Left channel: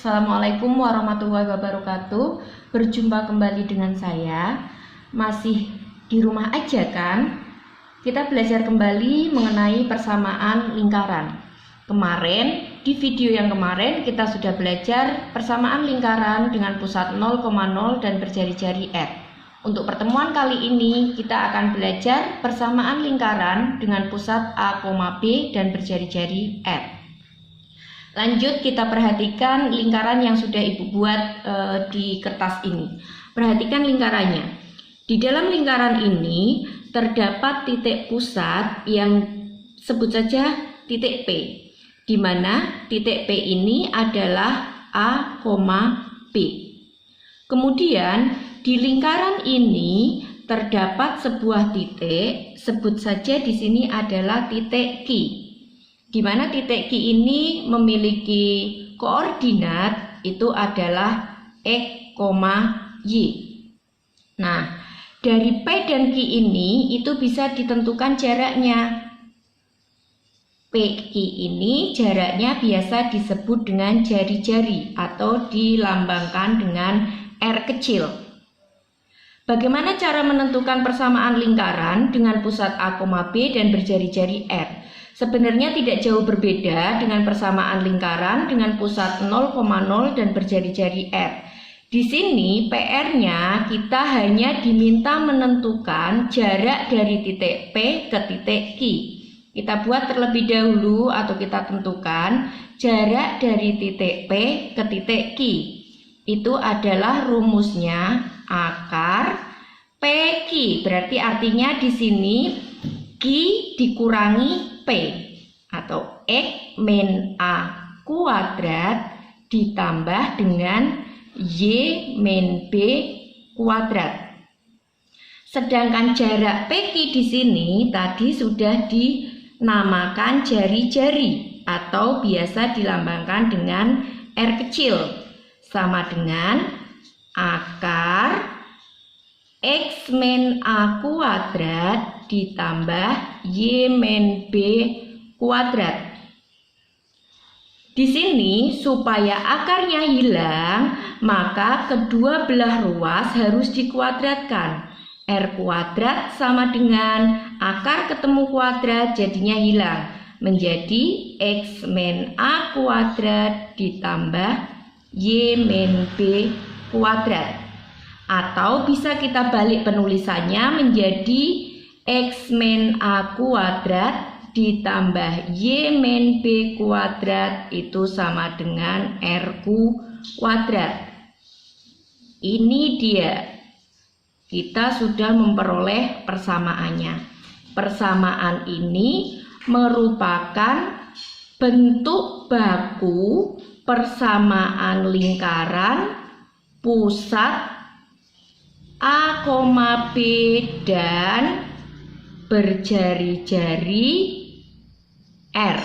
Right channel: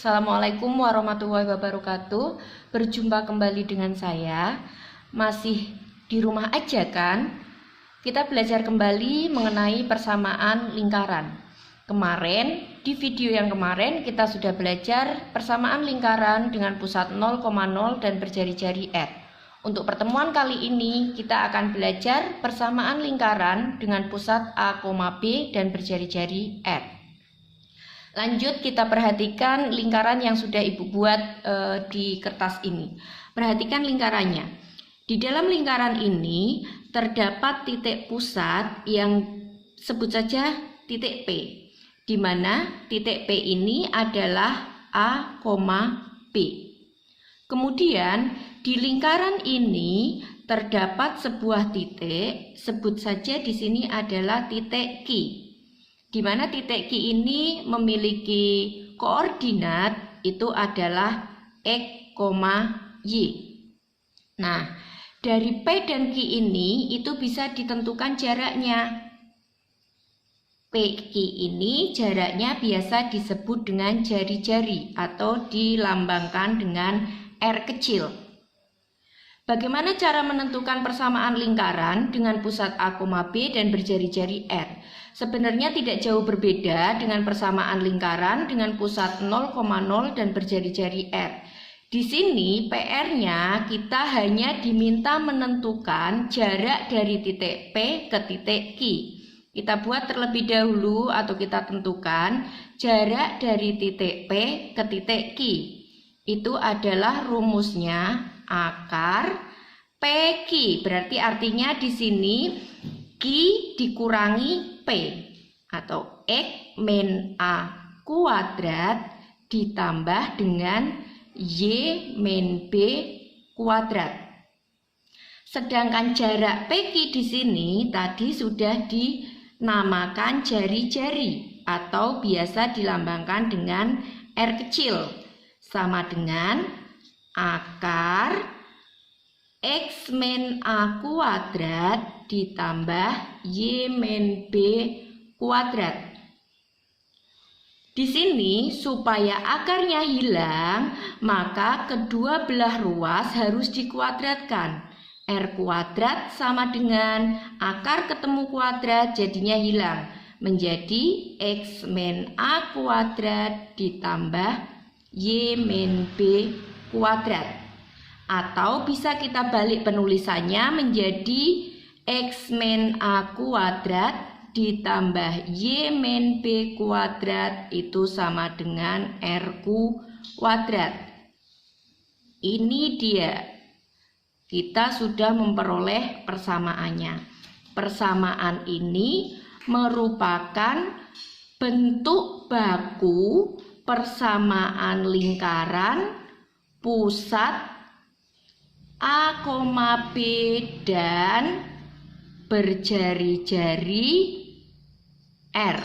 Assalamualaikum warahmatullahi wabarakatuh. Berjumpa kembali dengan saya. Masih di rumah aja kan? Kita belajar kembali mengenai persamaan lingkaran. Kemarin, di video yang kemarin kita sudah belajar persamaan lingkaran dengan pusat 0,0 dan berjari-jari R. Untuk pertemuan kali ini kita akan belajar persamaan lingkaran dengan pusat A, B dan berjari-jari R. Lanjut kita perhatikan lingkaran yang sudah Ibu buat di kertas ini. Perhatikan lingkarannya. Di dalam lingkaran ini terdapat titik pusat yang sebut saja titik P, di mana titik P ini adalah A, P. Kemudian di lingkaran ini terdapat sebuah titik, sebut saja di sini adalah titik Q. Di mana titik Q ini memiliki koordinat itu adalah X, Y. Nah, dari P dan Q ini itu bisa ditentukan jaraknya. PQ ini jaraknya biasa disebut dengan jari-jari atau dilambangkan dengan R kecil. Bagaimana cara menentukan persamaan lingkaran dengan pusat A, B dan berjari-jari R? Sebenarnya tidak jauh berbeda dengan persamaan lingkaran dengan pusat 0,0 dan berjari-jari R. Di sini PR-nya kita hanya diminta menentukan jarak dari titik P ke titik Q. Kita buat terlebih dahulu atau kita tentukan jarak dari titik P ke titik Q. Itu adalah rumusnya akar PQ. Berarti artinya di sini Q dikurangi P atau X min A kuadrat ditambah dengan Y min B kuadrat. Sedangkan jarak PQ di sini tadi sudah dinamakan jari-jari atau biasa dilambangkan dengan R kecil, sama dengan akar X min A kuadrat ditambah Y min B kuadrat. Di sini supaya akarnya hilang, maka kedua belah ruas harus dikuadratkan. R kuadrat sama dengan akar ketemu kuadrat jadinya hilang. Menjadi X min A kuadrat ditambah Y min B kuadrat. Atau bisa kita balik penulisannya menjadi X min A kuadrat ditambah Y min B kuadrat itu sama dengan R kuadrat. Ini dia. Kita sudah memperoleh persamaannya. Persamaan ini merupakan bentuk baku persamaan lingkaran pusat A, B dan berjari-jari R.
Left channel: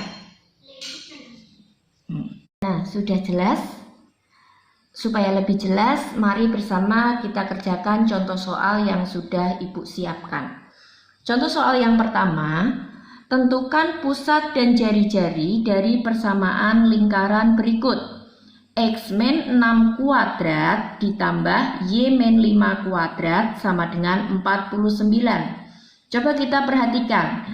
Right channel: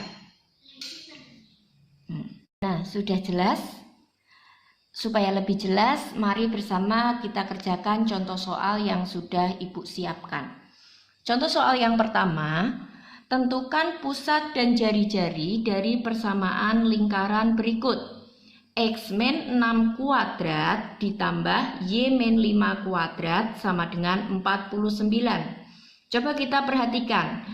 Nah, sudah jelas? Supaya lebih jelas, mari bersama kita kerjakan contoh soal yang sudah Ibu siapkan. Contoh soal yang pertama, tentukan pusat dan jari-jari dari persamaan lingkaran berikut. X min 6 kuadrat ditambah Y min 5 kuadrat sama dengan 49. Coba kita perhatikan.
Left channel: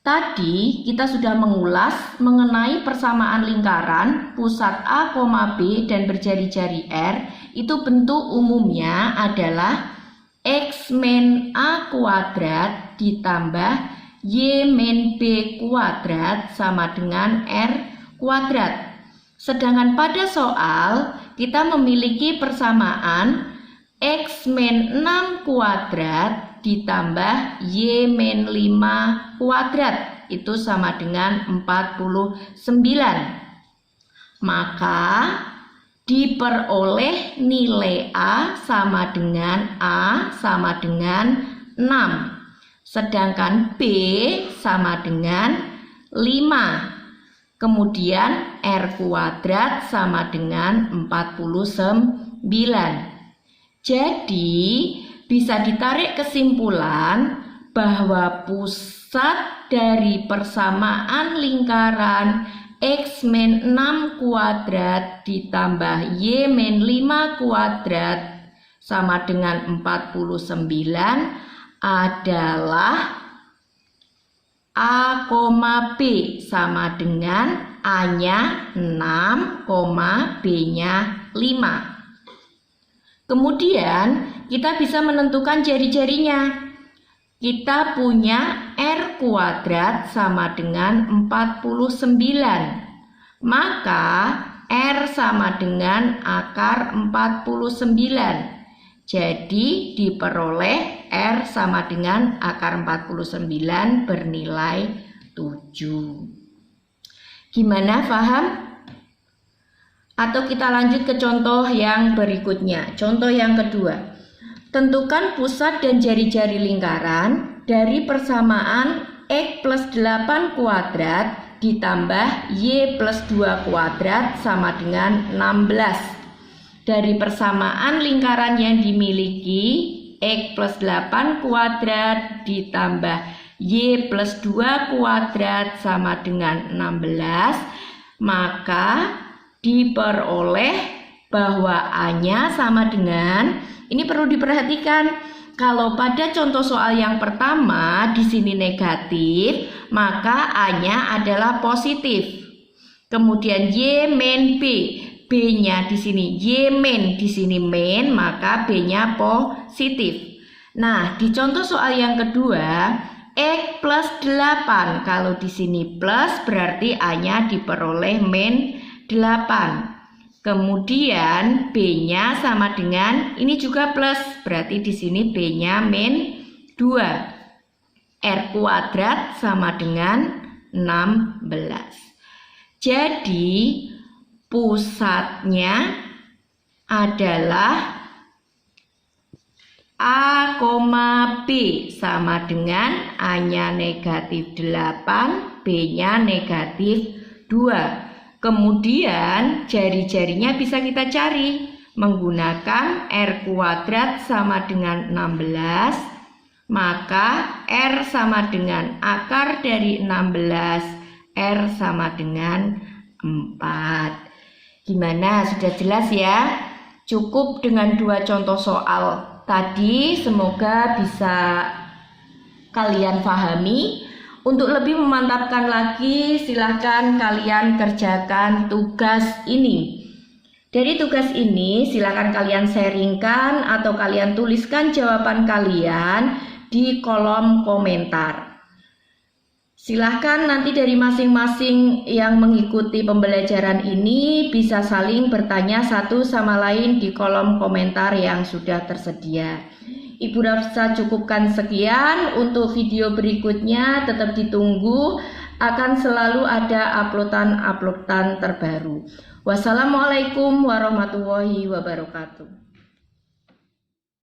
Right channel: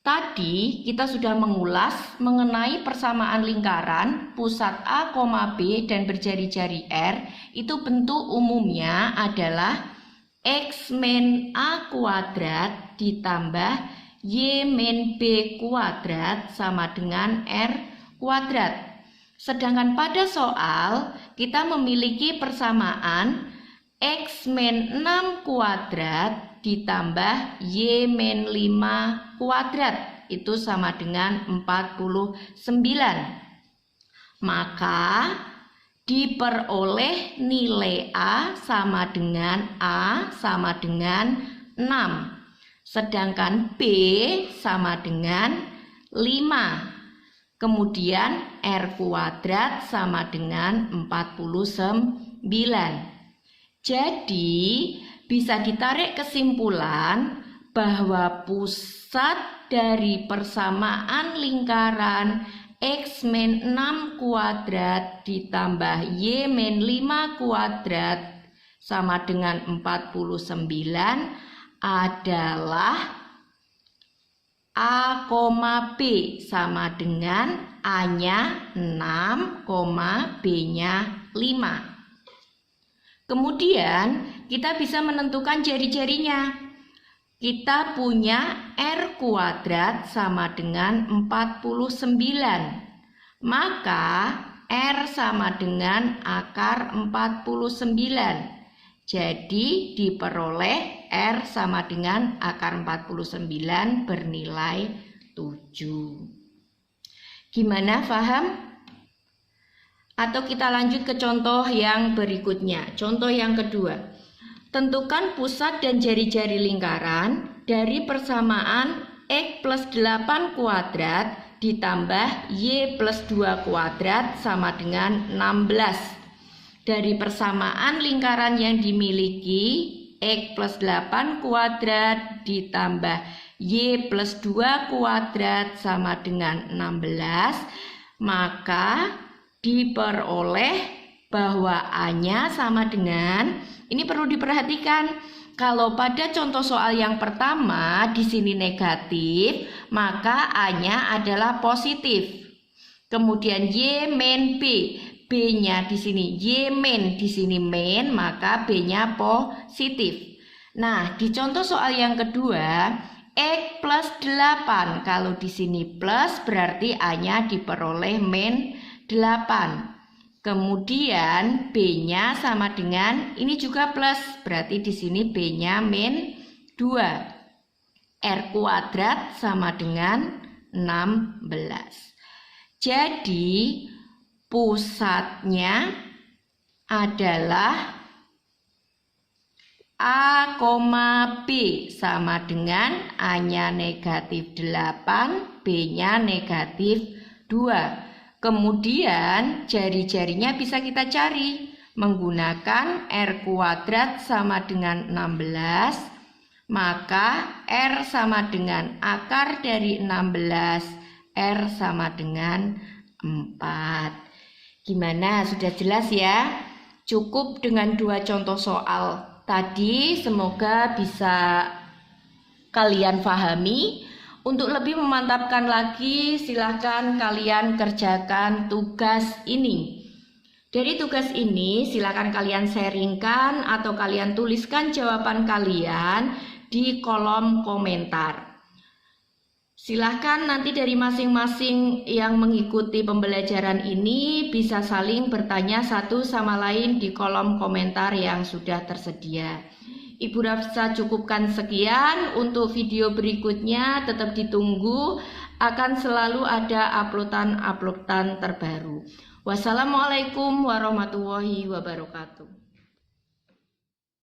Tadi kita sudah mengulas mengenai persamaan lingkaran pusat A, B dan berjari-jari R. Itu bentuk umumnya adalah X min A kuadrat ditambah Y min B kuadrat sama dengan R kuadrat. Sedangkan pada soal kita memiliki persamaan X min 6 kuadrat ditambah Y min 5 kuadrat itu sama dengan 49. Maka diperoleh nilai A sama dengan 6. Sedangkan B sama dengan 5. Kemudian R kuadrat sama dengan 49. Jadi bisa ditarik kesimpulan bahwa pusat dari persamaan lingkaran X min 6 kuadrat ditambah Y min 5 kuadrat sama dengan 49 adalah A, B sama dengan A-nya 6, B-nya 5. Kemudian kita bisa menentukan jari-jarinya. Kita punya R kuadrat sama dengan 49. Maka R sama dengan akar 49. Jadi diperoleh R sama dengan akar 49 bernilai 7. Gimana, paham? Atau kita lanjut ke contoh yang berikutnya. Contoh yang kedua. Tentukan pusat dan jari-jari lingkaran dari persamaan X plus 8 kuadrat ditambah Y plus 2 kuadrat sama dengan 16. Dari persamaan lingkaran yang dimiliki X plus 8 kuadrat ditambah Y plus 2 kuadrat sama dengan 16, maka diperoleh bahwa A-nya sama dengan, ini perlu diperhatikan, kalau pada contoh soal yang pertama di sini negatif, maka A-nya adalah positif. Kemudian Y min B, B-nya di sini Y min, di sini min, maka B-nya positif. Nah, di contoh soal yang kedua, X plus 8, kalau di sini plus berarti A-nya diperoleh min 8. Kemudian B-nya sama dengan, ini juga plus, berarti di sini B-nya min 2. R kuadrat sama dengan 16. Jadi pusatnya adalah A, B sama dengan A-nya negatif 8, B-nya negatif 2. Kemudian jari-jarinya bisa kita cari menggunakan R kuadrat sama dengan 16, maka R sama dengan akar dari 16, R sama dengan 4. Gimana? Sudah jelas ya? Cukup dengan 2 contoh soal tadi, semoga bisa kalian pahami. Untuk lebih memantapkan lagi, silahkan kalian kerjakan tugas ini. Dari tugas ini, silahkan kalian sharingkan atau kalian tuliskan jawaban kalian di kolom komentar. Silahkan nanti dari masing-masing yang mengikuti pembelajaran ini bisa saling bertanya satu sama lain di kolom komentar yang sudah tersedia. Ibu Rafsa cukupkan sekian. Untuk video berikutnya tetap ditunggu, akan selalu ada uploadan terbaru. Wassalamualaikum warahmatullahi wabarakatuh.